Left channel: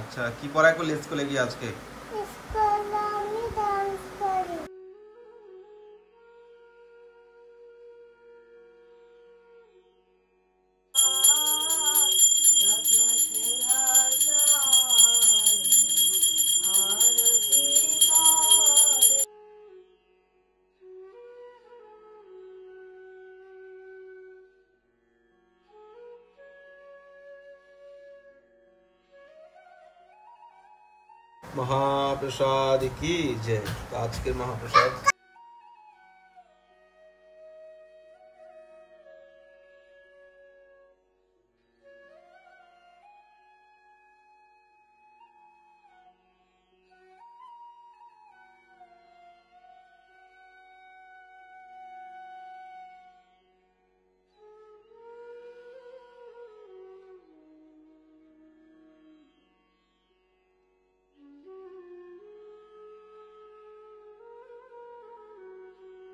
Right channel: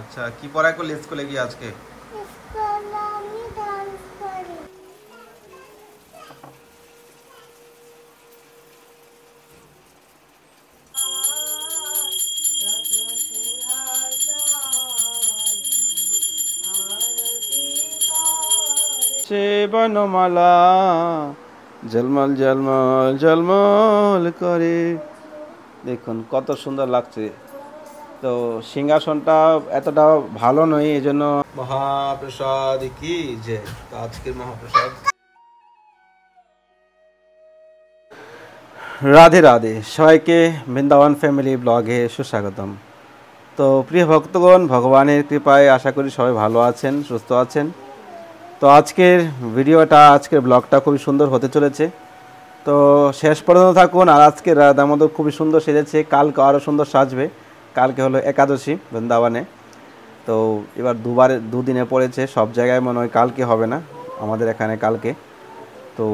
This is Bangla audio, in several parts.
আচ্ছা, কি পড়াই করলি স্কুলে গিয়ে আজকে? স্কুলে আমি ডান্স করি। সে বনমালা ঝলমল ঝলমল ঝলমল করে। দেখুন কত সুন্দর লাগছে। তো সিংহাসনটা এতটা ভালো নয়, এই জন্য মহাপ্রসাদ কি যে আজকের মহাপ্রসাদ। রাধে রাধে, সবাইকে বৃন্দাবন ফ্যামিলি ব্লগে সুস্বাগতম। তো প্রিয় ভক্তগণ, ভগবানের কৃপায় আশা করি সবাই ভালো আছেন, সুস্থ আছেন। তো আজকের আজকের ব্লগটা খুবই সুন্দর হতে চলেছে। তো শেষ পর্যন্ত থাকুন। আর আজকের দামোদর খুবই সুন্দর সেজেছে, কালকে আরও সুন্দর সাজবে। কালকে হলো একাদশী বৃন্দাবনে। তো এবার দুদিনে পড়েছে, সব জায়গায় মনে হয় কালকে হবে না, আমাদের এখানে কালকে। তো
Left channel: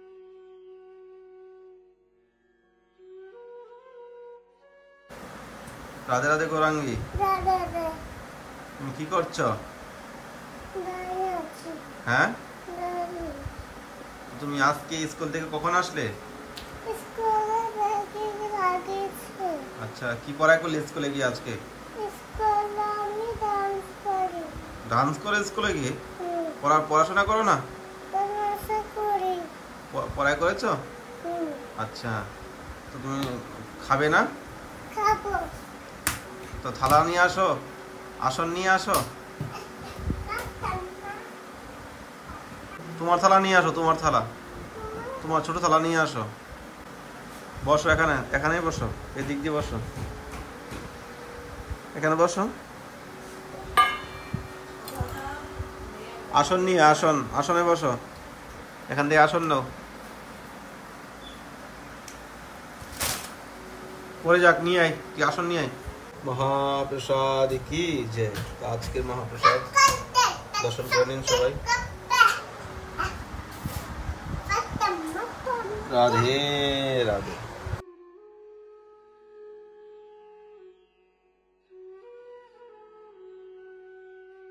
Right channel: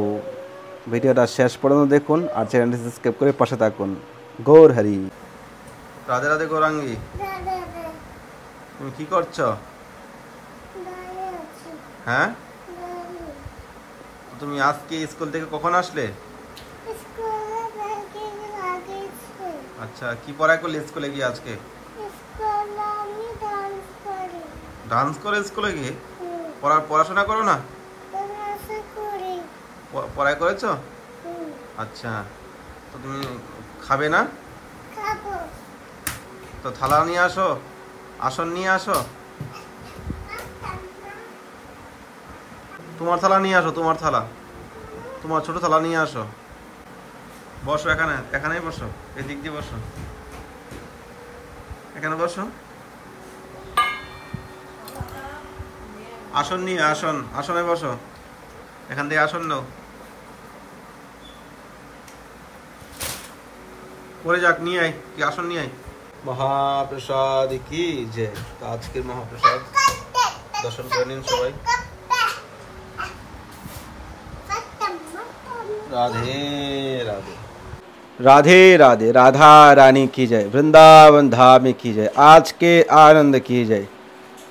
ভিডিওটা শেষ পর্যন্ত দেখুন আর চ্যানেলটি সাবস্ক্রাইব করে পাশে থাকুন। গৌর হরি। রাধে রাধে গৌরাঙ্গী, দাদা তুমি কি করছো? দাঁড়িয়ে আছি। হ্যাঁ, দাঁড়িয়ে। তুমি আজকে স্কুল থেকে কখন আসলে? স্কুলে থেকে লাগিয়েছে। আচ্ছা, কি পড়াই করলি স্কুলে গিয়ে আজকে? স্কুলে আমি ডান্স করি। ডান্স করে স্কুলে গিয়ে? পড়াশোনা করো না? ডান্স করি। পড়াই করেছো? আচ্ছা, তো তুমি খাবে না? খাবো। তো থালা নিয়ে আসো, আসন নিয়ে আসো। তোমার থালা নিয়ে আসো, তোমার ছোট থালা নিয়ে আসো। বসো, এখানেই বসো, এদিক দিয়ে বসো, এখানে বসো। আসন নিয়ে আসনে বসো, এখান থেকে আসন নাও। পরে যাক, নিয়ে আয়, কি আসন নিয়ে আয়। মহাপ্রসাদ কি যে আজকের মহাপ্রসাদ দর্শন করে নিন সবাই। রাধে রাধে, রাধे राधे, राधा रानी की जय, वृंदावन धाम की जय, आज के आनंद की जय।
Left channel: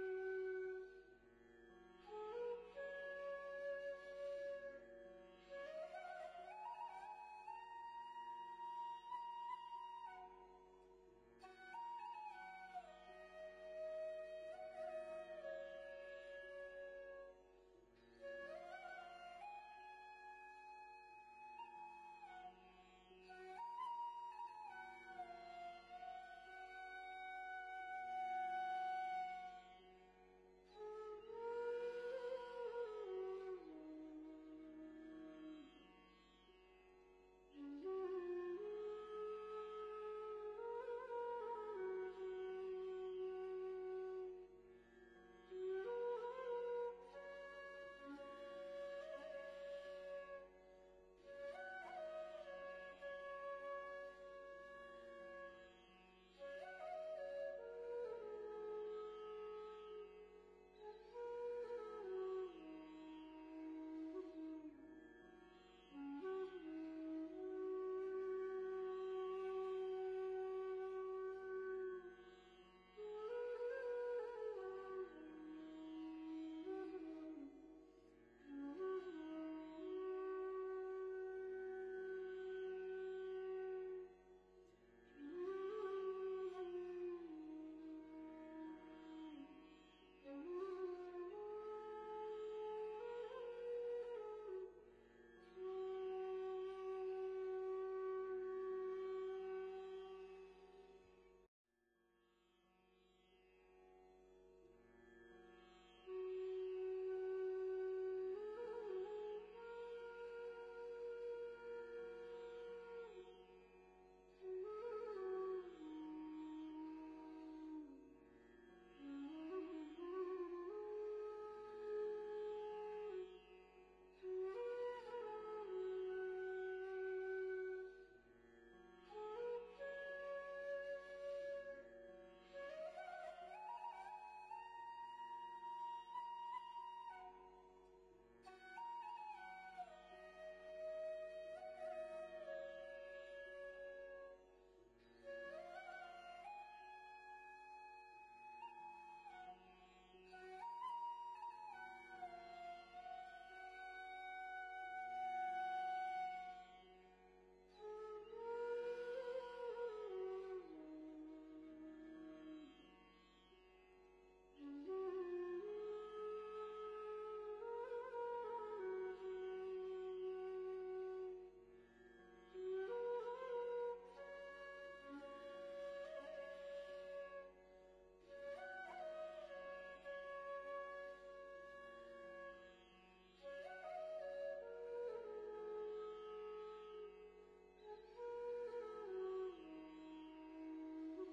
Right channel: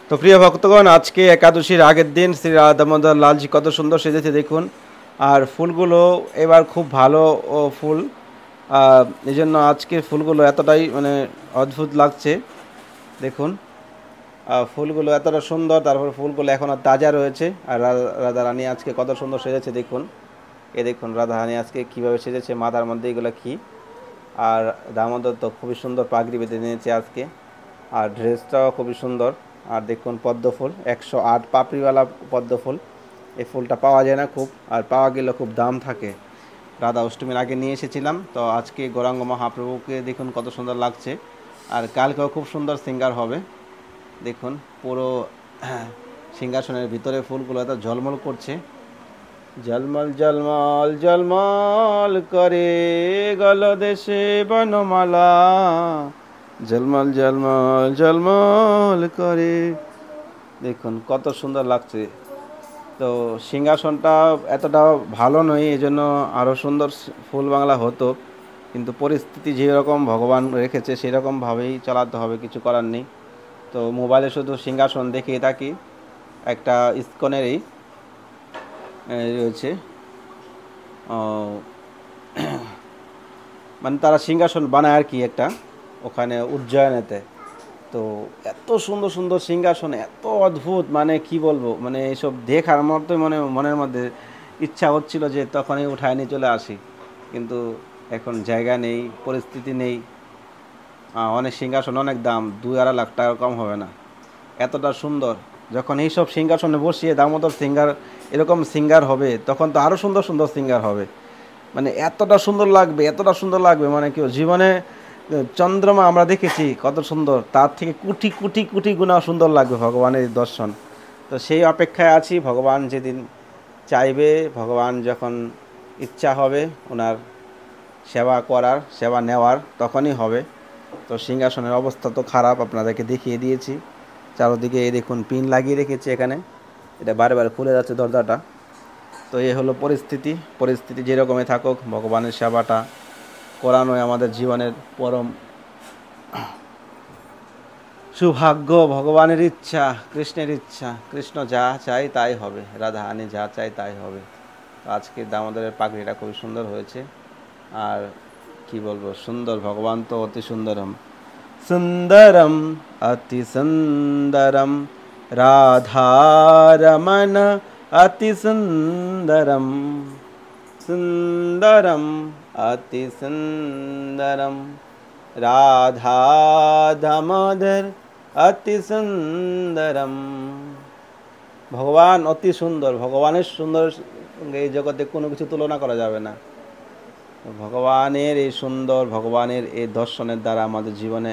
তো প্রিয় ভক্তগণ, আজকে একাদশীর আগের দিন শ্রী রাধা দামোদর লালজি কত সুন্দর সেজেছে দেখুন। আর ফুলগুলো এবার খুব ভালো ফুল, এই জন্য আজকের ফুলগুলো এতটাই মানে অদ্ভুত লাগছে দেখুন। ফুলগুলো এতটা সুন্দর, তারপর ফুলগুলো এখনও তাজা রয়েছে। আর রাধা রানী আজকে কত সুন্দর সেজেছে দেখুন। দেখুন রাধা রানী আজকে কীভাবে সেজেছে, মাথার মধ্যে এগুলো কী। আর দামোদর তো খুবই সুন্দর পাগড়ি বেঁধে নিয়েছে আজকে, আর ড্রেসটাও খুবই সুন্দর। আর দেখুন পদ্ম ফুল, 108 পাপড়িওয়ালা পদ্ম ফুল। এই ফুলটা পাওয়া যায় না খুব, আর পাওয়া গেলে খুব দাম থাকে। রাধা অষ্টমীর আগে নিয়ে এসেছিলাম। তো আজকে গৌরাঙ্গ মহাপ্রভুকে দেখুন কত সুন্দর লাগছে। আর কালকেও খুব সুন্দর সিঙ্গার হবে দেখুন। পুরো সিংহাসনের ভিতরে ফুলগুলো এত ঝলমল করছে, ঝলমল ঝলমল ঝলমল করে গলদেশে বনমালা, ঝলমল ঝলমল ঝলমল করে। দেখুন কত সুন্দর লাগছে। তো সিংহাসনটা এতটা ভালো নয়, এই জন্য আরও সুন্দর ফুল বাংলা হতো, কিন্তু পরিস্থিতি যেরকম ভগবান রেখেছে সেরকমভাবেই চালাতে হবে, কিছু করার নেই। তো মোবাইলে শুধু সিংহাসন দেখিয়ে থাকি, একটা ইস্কনেরই রয়েছে, মানে তারা সিংহাসন বানায় আর কি একটা, ওখানে উজ্জয়নেতে। তো এত সুন্দর সুন্দর সিংহাসন, এত অদ্ভুত, মানে কি বলবো, মানে এইসব দেখার মতো মনের মধ্যে ইচ্ছা হচ্ছিল যে তখনই উঠায় নিয়ে চলে আসি, কিন্তু এখন জায়গা নেই, পরিস্থিতি নেই। অনেক সিংহাসন অনেক দাম, 2-2.5 লাখ টাকা কম হবে না, এতটা সুন্দর। যখন এইসব সিংহাসনে বসিয়ে দামোদর সিঙ্গার, এরকম সিঙ্গার হবে, তখন তো আরও সুন্দর সুন্দর সিঙ্গার হবে। মানে এতটা সুন্দর লাগবে, মানে কি জীবনে চন্দ্রমা আমরা দেখেছি কত সুন্দর, তার থেকে কোটি কোটি কোটি গুণা সুন্দর লাগবে ভগবানের দর্শন। তো সেই অপেক্ষায় আছি, ভগবান যেদিন চাইবে, ভগবান যখন ইচ্ছা হবে ওনার সেবা নেওয়ার, তখনই হবে। তো সিংহাসনের অবস্থা তো খারাপ, আপনাদেরকে দেখিয়ে দিয়েছি। চারদিকে এই দেখুন পিন লাগিয়ে রেখেছি এখানে, এটা বারে বারে খুলে যাচ্ছে দরজাটা। তো এই হলো পরিস্থিতি যেরকমই থাকুক, ভগবানের সেবাটা করানোই আমাদের জীবনের পরম সুভাগ্য, ভগবানের ইচ্ছা, কৃষ্ণের ইচ্ছা, কৃষ্ণ যা চাই তাই হবে, রাধা রানী যা চাই তাই হবে। আজকে দামোদরের পাগড়িটা খুবই সুন্দর হয়েছে। আর কি বলবো, সুন্দর, ভগবান তো অতি সুন্দরম, সুন্দরম অতি সুন্দরম, রাধারমণ অতি সুন্দরম, সুন্দরম অতি সুন্দরম, রাধা দামোদর অতি সুন্দরম। ভগবান অতি সুন্দর, ভগবানের সুন্দর এই জগতে কোনো কিছু তুলনা করা যাবে না। ভগবানের এই সুন্দর, ভগবানের এই দর্শনের দ্বারা আমাদের জীবনে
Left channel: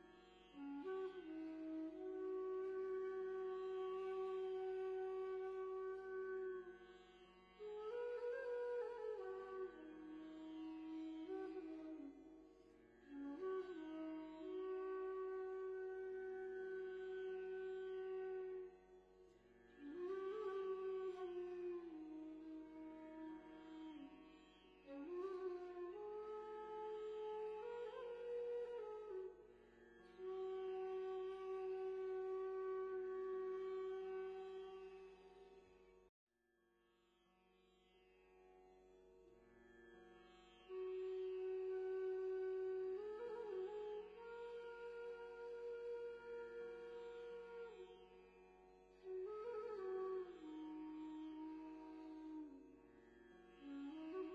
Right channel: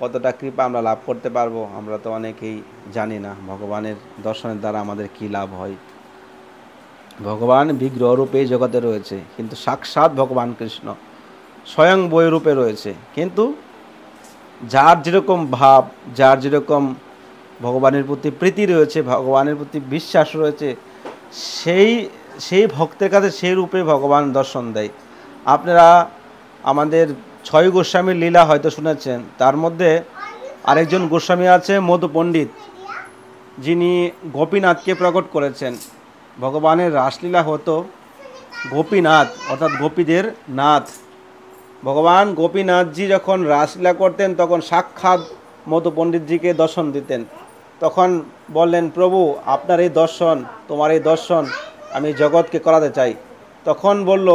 কতটা কৃপা আমরা লাভ করতে পারবো আমরা তো অনেকেই জানি না। ভগবানের দর্শনের দ্বারা আমাদের কি লাভ হয়। ভগবান বিগ্রহ রূপে জগতে রয়েছে, কিন্তু সাক্ষাৎ ভগবান কৃষ্ণ স্বয়ং বই রূপে রয়েছে। কিন্তু যার যেরকম ভাব, যার যেরকম ভগবানের প্রতি প্রীতি রয়েছে, ভগবানের প্রতি বিশ্বাস রয়েছে, সেই ভক্তের কাছে সেই রূপে ভগবান দর্শন দেয়। আপনারা আমাদের 6 গোস্বামীর লীলা হয়তো শুনেছেন। তার মধ্যে আরেকজন গোস্বামী আছে মধু পণ্ডিত, যিনি গোপীনাথকে প্রকট করেছেন। ভগবানের রাসলীলা হতো গোপীনাথ, অর্থাৎ গোপীদের নাথ। ভগবান গোপীনাথজি যখন রাসলীলা করতেন তখন সাক্ষাৎ মধু পণ্ডিতজিকে দর্শন দিতেন। তখন বললেন, প্রভু আপনার এই দর্শন, তোমার এই দর্শন আমি জগৎকে করাতে চাই। তখন বলল,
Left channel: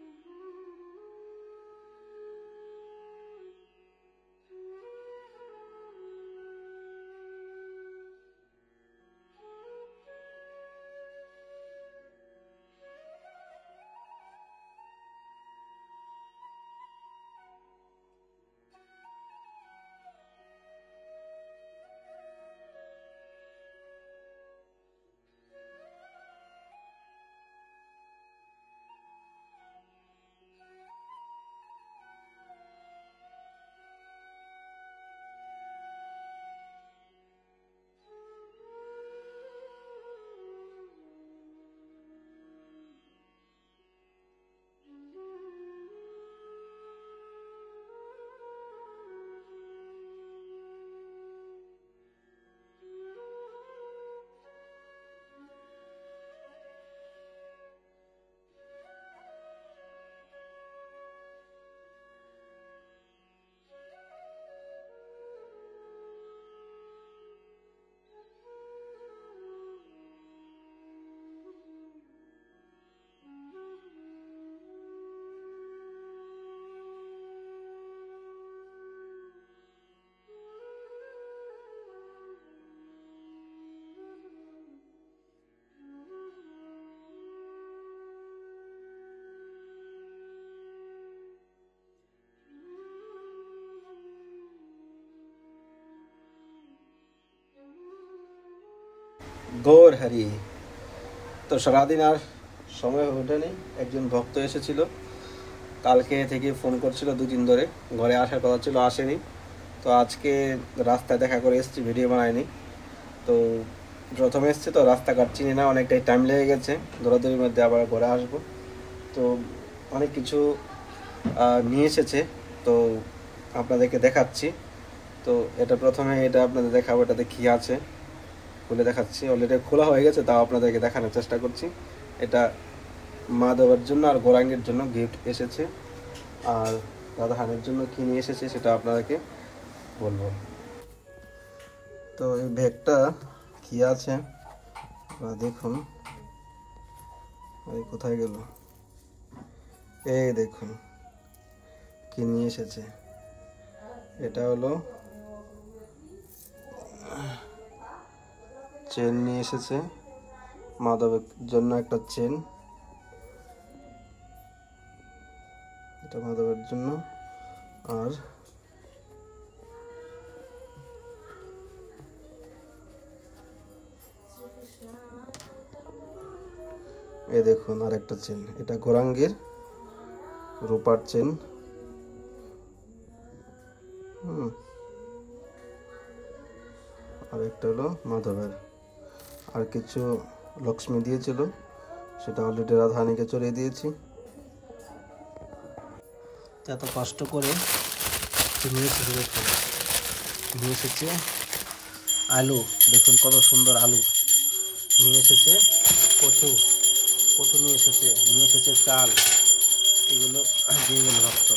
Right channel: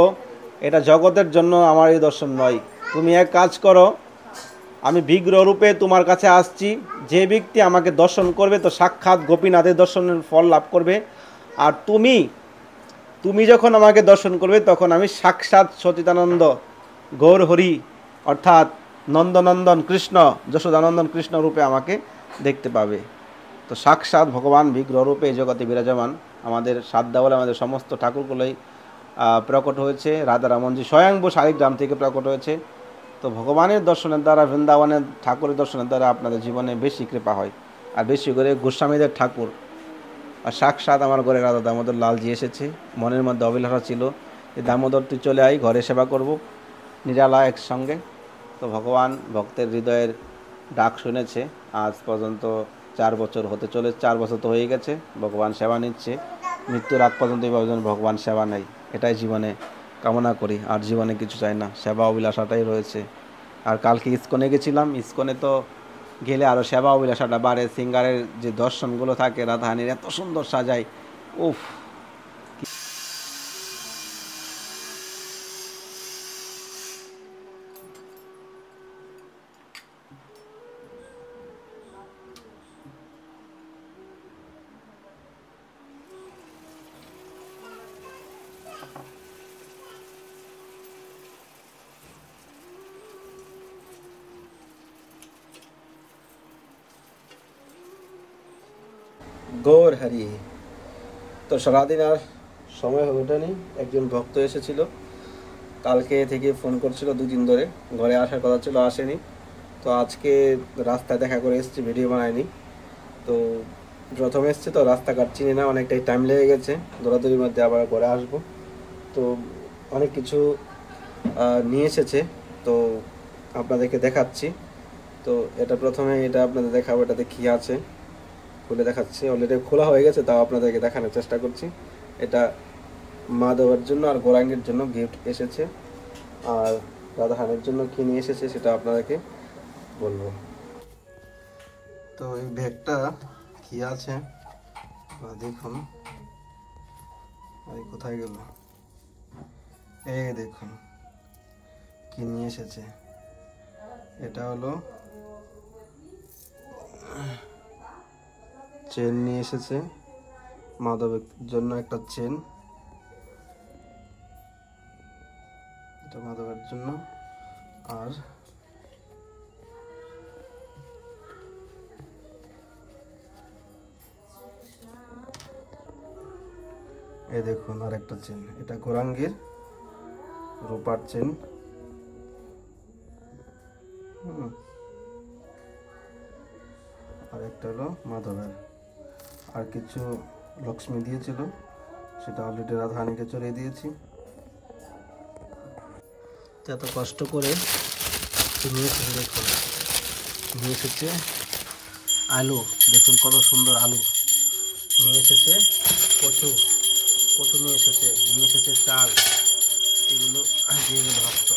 এটা জগতের জন্য আমার এই দর্শন নয়, তুমি এক কাজ করো, আমি বিগ্রহ রূপে তোমার কাছে আসছি, যে ব্যক্তি আমাকে দর্শন করবে তো সাক্ষাৎ গোপীনাথের দর্শনের ফল লাভ করবে। আর তুমি যখন আমাকে দর্শন করবে তখন আমি সাক্ষাৎ সচিদানন্দ গৌর হরি অর্থাৎ নন্দনন্দন কৃষ্ণ, যশোদানন্দন কৃষ্ণ রূপে আমাকে দেখতে পাবে। তো সাক্ষাৎ ভগবান বিগ্রহ রূপে এই জগতে বিরাজমান। আমাদের সাধ্যা বলে আমাদের সমস্ত ঠাকুরগুলোই প্রকট হয়েছে। রাধারমণজি স্বয়ংভূ শালিগ্রাম থেকে প্রকট হয়েছে। তো ভগবানের দর্শনের দ্বারা, বৃন্দাবনের ঠাকুরের দর্শনের দ্বারা আপনাদের জীবনে বেশি কৃপা হয়। আর বেশি করে গোস্বামীদের ঠাকুর আর সাক্ষাৎ আমার ঘরে রাধা দামোদর লালজি এসেছে। মনের মধ্যে অভিলাষা ছিল যে দামোদর তুই চলে আয়, ঘরে সেবা করব নিরালা একসঙ্গে। তো ভগবান ভক্তের হৃদয়ের ডাক শুনেছে। আজ পর্যন্ত 4 বছর হতে চলে, 4 বছর তো হয়ে গেছে। ভগবান সেবা নিচ্ছে, মৃত্যুর আগ পর্যন্ত এইভাবে যেন ভগবান সেবা নেয়, এটাই জীবনে কামনা করি। আর জীবনে কিছু চাই না, সেবা অভিলাষাটাই রয়েছে। আর কালকে ইস্কনে গেছিলাম, ইস্কনে তো গেলে আরও সেবা অভিলাষাটা বাড়ে। সিঙ্গারের যে দর্শনগুলো থাকে রাধারানীর এত সুন্দর সাজায়, উফ। গৌর হরি। তো সারাদিন আর সময় হয়ে ওঠেনি। একজন ভক্ত এসেছিল, কালকে থেকে ফোন করছিল 2 দিন ধরে, ঘরে আসার কথা ছিল, আসেনি। তো আজকে রাস্তায় দেখা করে এসেছি, ভিডিও বানায়নি। তো প্রথমে এসছে তো রাস্তাঘাট চিনি না, অনেকটাই টাইম লেগে গেছে, দৌড়াদৌড়ির মধ্যে আবার ঘরে আসবো। তো অনেক কিছু নিয়ে এসেছে, তো আপনাদেরকে দেখাচ্ছি। তো এটা প্রথমে এটা আপনাদের দেখাবো, এটাতে কী আছে খুলে দেখাচ্ছি। অলরেডি খোলা হয়ে গেছে, তাও আপনাদেরকে দেখানোর চেষ্টা করছি। এটা মাধবের জন্য আর গৌরাঙ্গের জন্য গিফট এসেছে। আর রাধারানীর জন্য কি নিয়ে এসেছে সেটা আপনাদেরকে বলবো। তো এই ব্যাগটা কি আছে দেখুন, কোথায় গেল, এই দেখুন কি নিয়ে এসেছে। এটা হলো চেন নিয়ে এসেছে, মাধবের জন্য একটা চেন, এটা মাধবের জন্য। আর এই দেখুন আর একটা চেন, এটা গৌরাঙ্গের রূপার চেন। আর একটা হলো মাধবের। আর কিছু লক্ষ্মী দিয়েছিল, সেটা অলরেডি রাধারানীকে চড়িয়ে দিয়েছি। এত কষ্ট করে নিয়ে এসেছে, দেখুন নিয়ে এসেছে আলু দেখুন কত সুন্দর আলু নিয়ে এসেছে, কচু কচু নিয়ে এসেছে চাল, এগুলো দিয়ে গেল ভক্ত।